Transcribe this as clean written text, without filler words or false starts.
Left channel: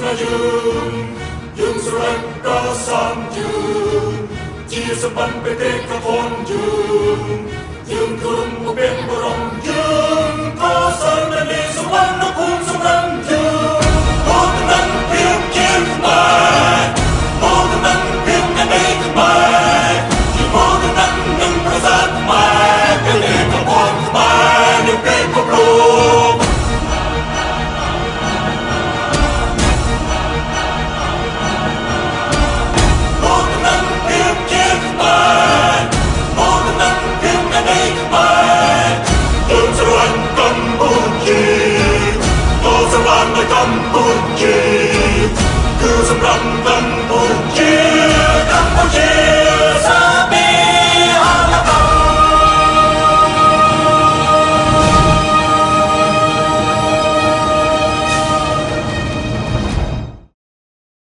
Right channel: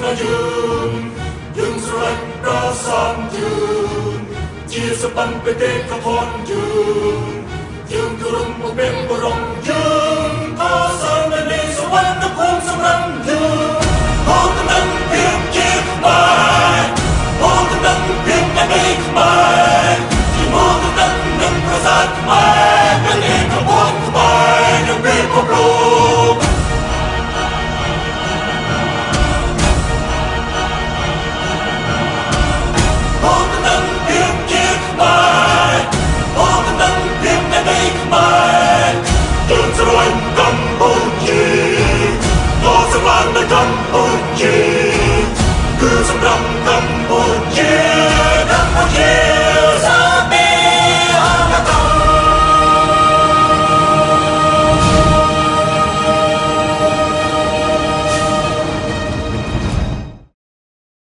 ស្នេហ៍យើងស្រឡាញ់ប្រសានយើងជាសម្បត្តិបេតិកភណ្ឌយើងគោរពមកពេលបរំយើងក៏សាមគ្គីសវណ្ណភូមិសម្រាប់យើងមកនឹងភាពជាខ្មែរមកនឹងភាពនៃខ្មែរជាមកនឹងប្រសាទខ្មែរបេតិកភណ្ឌខ្មែរនៅពេលពិភពលោកកម្ពុជាគឺសម្រាប់កម្ពុជា